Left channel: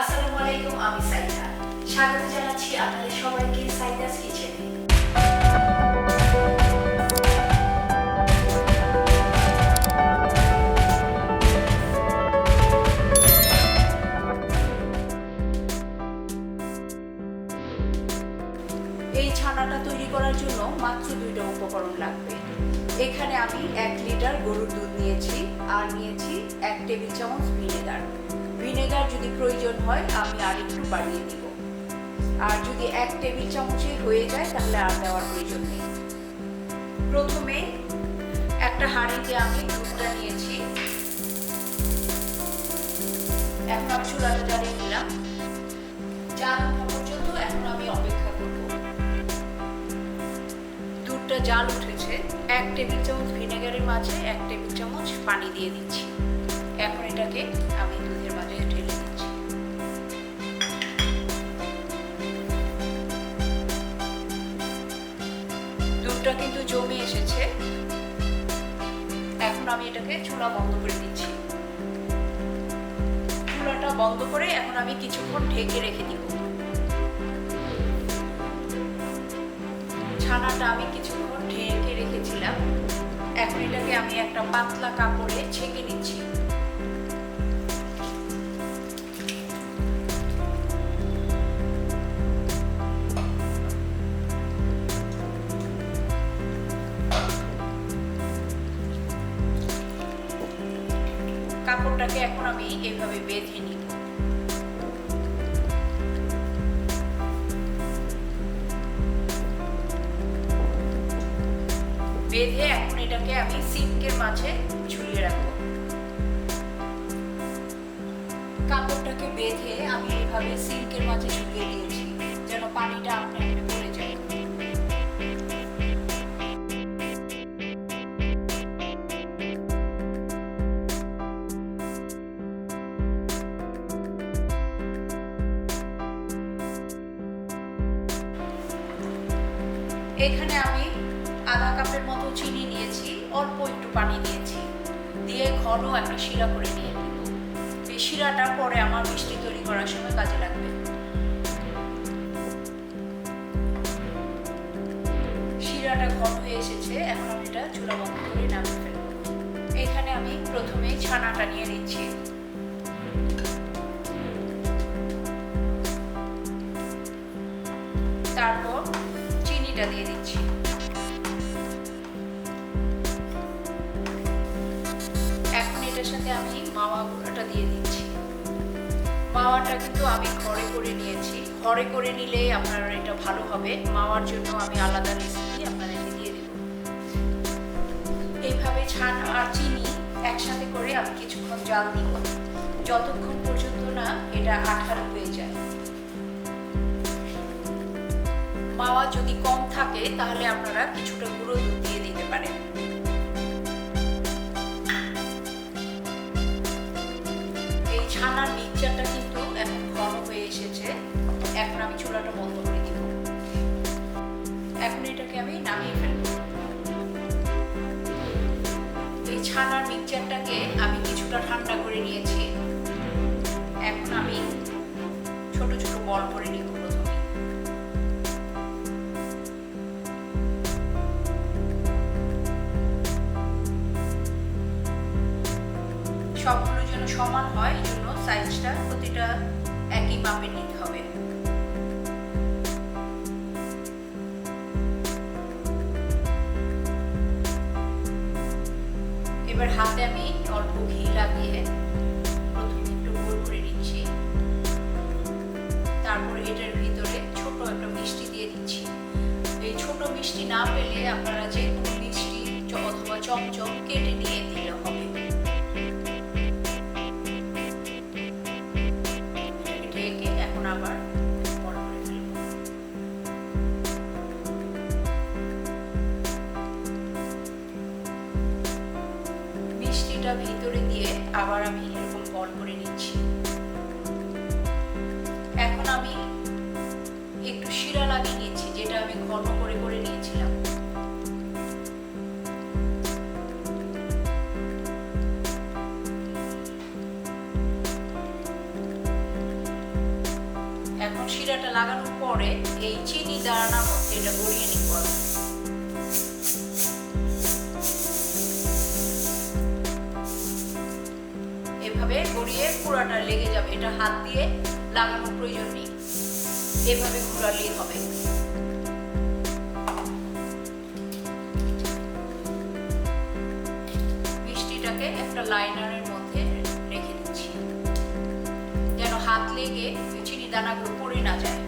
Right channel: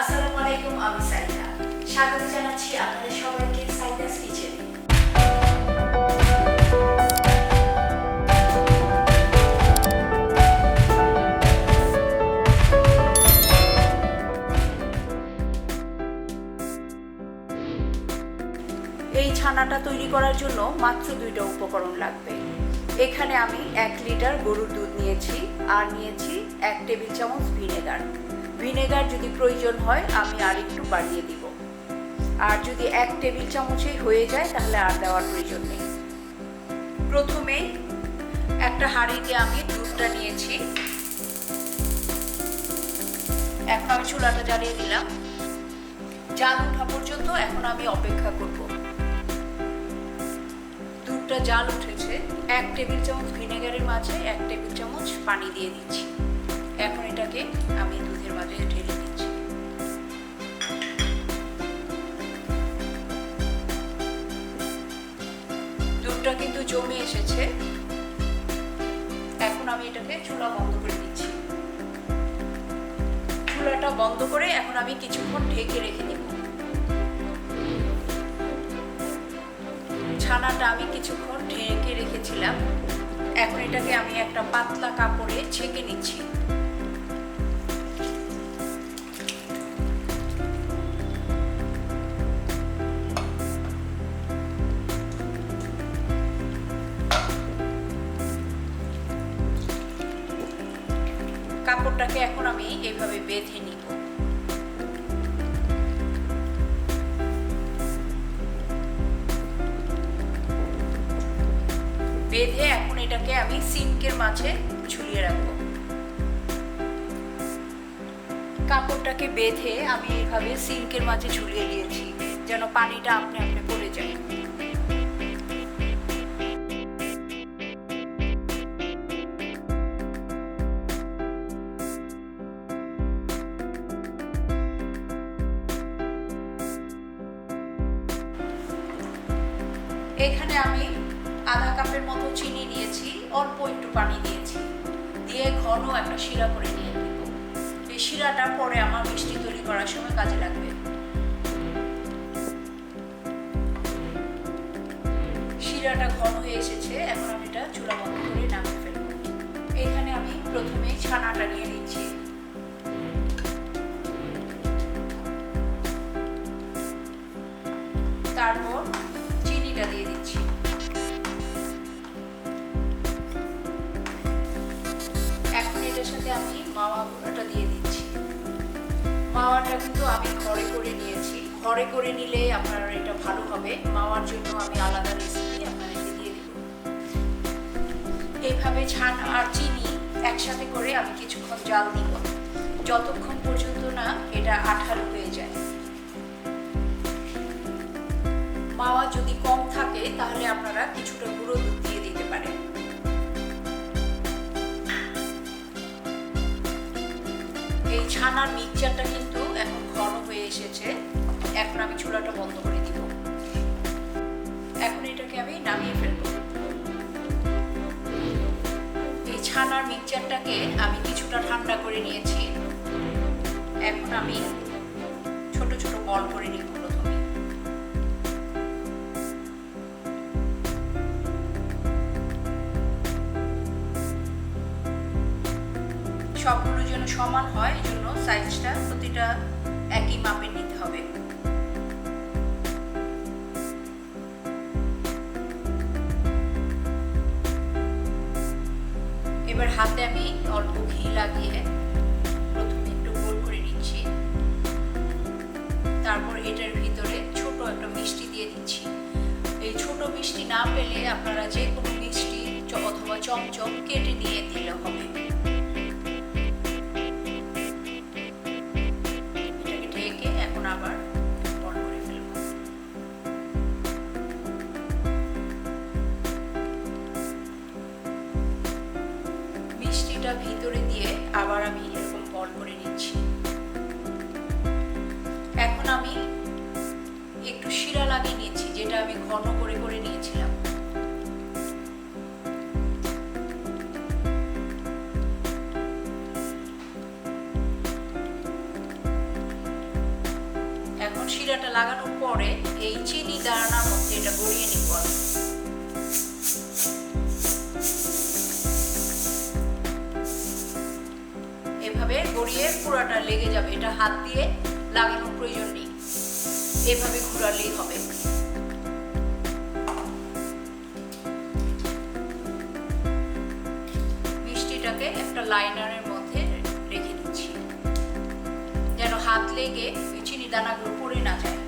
আসসালামু আলাইকুম, আমি সাইদা। স্বাগত জানাচ্ছি আপনাদের সবাইকে সাইদাস কিচেনে। এই ছানাটা তৈরি করার জন্য মাত্র 2টা উপকরণ লাগবে। এখানে আমি 1 লিটার গরুর দুধ নিয়েছি আর নিয়েছি 1 টেবিল চামচ ভিনেগার। ভিনেগার যদি প্রয়োজন হয় আমি আর একটু বাড়িয়ে দিব, আর যদি 1 টেবিল চামচই হয়ে যায় তাহলে আর দেওয়ার প্রয়োজন নেই। প্রথমে একটা হাঁড়িতে আমি দুধটা নিয়েছি। এখন আমি চুলাটা জ্বালিয়ে দিলাম। জাল ওঠা পর্যন্ত এখন আমি অপেক্ষা করব। দুধটা জাল উঠেছে। 1 টেবিল চামচ ভিনেগারের মাঝে 1 টেবিল চামচ পানি দিয়ে দিচ্ছি। এখন এটাকে আমি দুধের মাঝে ঢেলে দিচ্ছি। দুধটা কিন্তু জমে এসেছে। এখন আমি এটাকে চুলা বন্ধ করে দিচ্ছি। চুলাটা বন্ধ করে এখন আমি কিছুক্ষণ ঢেকে রেখে দিব। ছানাটা আমি কিছুক্ষণ ঢেকে রেখেছিলাম। এখন এটাকে আমি একটা পাতলা কাপড়ে ছেঁকে নিচ্ছি। কাপড়টাকে এখন আমি এইভাবে বেঁধে নিব। বেঁধে এখন এটাকে আমি সিঙ্কের মাঝে ঝুলিয়ে রাখবো। কাপড়টাকে বেঁধে আমি এইভাবে সিঙ্কের মাঝে ঝুলিয়ে দিয়েছি যেন পানিটা আপনি আপনি পড়ে যায়। এখানে আমি আধা কাপের মতো চিনি নিয়েছি, অল্প একটু পানি দিয়েছি, দিয়ে ঘন একটা শিরা করে নিয়ে নিব। এই শিরাটা পরে আমার মিষ্টি তৈরি করার সময় কাজে লাগবে। শিরাটা ঘন হয়ে এসেছে। এখন আমি এটা চুলা বন্ধ করে নামিয়ে ফেলবো। এখানে আমি প্রথমে ছানাটা নিয়ে নিচ্ছি। তারপর চিনিটা দিয়ে দিচ্ছি। এখন এটার সাথে আমি মাওয়া গুঁড়াটা দিয়ে দিচ্ছি। মাওয়াটা কিন্তু আমি ঘরে করে নিয়েছি। ঘরে করে নিলে আপনার এটা ভালো হবে। মাওয়ার জন্য আমি আলাদা রেসিপি আপনাদেরকে দিয়ে দেব। এইভাবে ছানা আর চিনি একসাথে করে আমি কিছুক্ষণ জাল দিব, যতক্ষণ পর্যন্ত না এটা আঠালো হয়ে যায়। মাওয়া যদি কম থাকে তাহলে আপনারা কিছুটা গুঁড়ো দুধ দিয়ে দিতে পারেন। এই ছানার মিক্সচারটা কিন্তু এখন ঘন হয়ে এসেছে। এখন আমি চুলাটা বন্ধ করে দিব। এখন এটাকে আমি নামিয়ে ফেলবো। এই ছানার মিক্সচারটাকে আমি কিছুটা ঠান্ডা করে নিয়েছি। এখন আমি ছোট ছোট বল করে নিব। প্রথমে সবগুলো যেন সমান হয়, এই জন্য সাইজটা প্রতিটা একই মাপের নিতে হবে। এবার হাতে আমি অল্প ঘি লাগিয়ে প্রথমে একটু গোল করে নিচ্ছি। তারপর এটার ভিতরে ছোট একটা মিষ্টি দিয়ে দিচ্ছি। এই ছোট মিষ্টি না পেলে আপনারা যে কোনো মিষ্টি অথবা চমচম কেটে নিয়ে দিলে হবে। এটাকে ঢেকে এখন আবার বড় করে ফেলব। মিষ্টিটা ভিতরে দিয়ে আবার আমি এরকম বল করে নিচ্ছি। এখন আমি একটু শিরা লাগিয়ে নিয়েছি, যেটা আমি ঘন করে করে নিয়েছিলাম। এখন শিরাটা লাগানোর পরে এই চিনি দানার মধ্যে এটা গড়িয়ে নিব। এভাবে গড়িয়ে পুরাটা লেগে যাবে, এটা হাত দিয়ে লাগানোর প্রয়োজন নেই, এভাবে ঘোরালেই হবে। মিষ্টিটাকে একটা লাইনারের মধ্যে রেখে দিচ্ছি যেন হাত লেগে চিনি দানাগুলো পড়ে না যায়।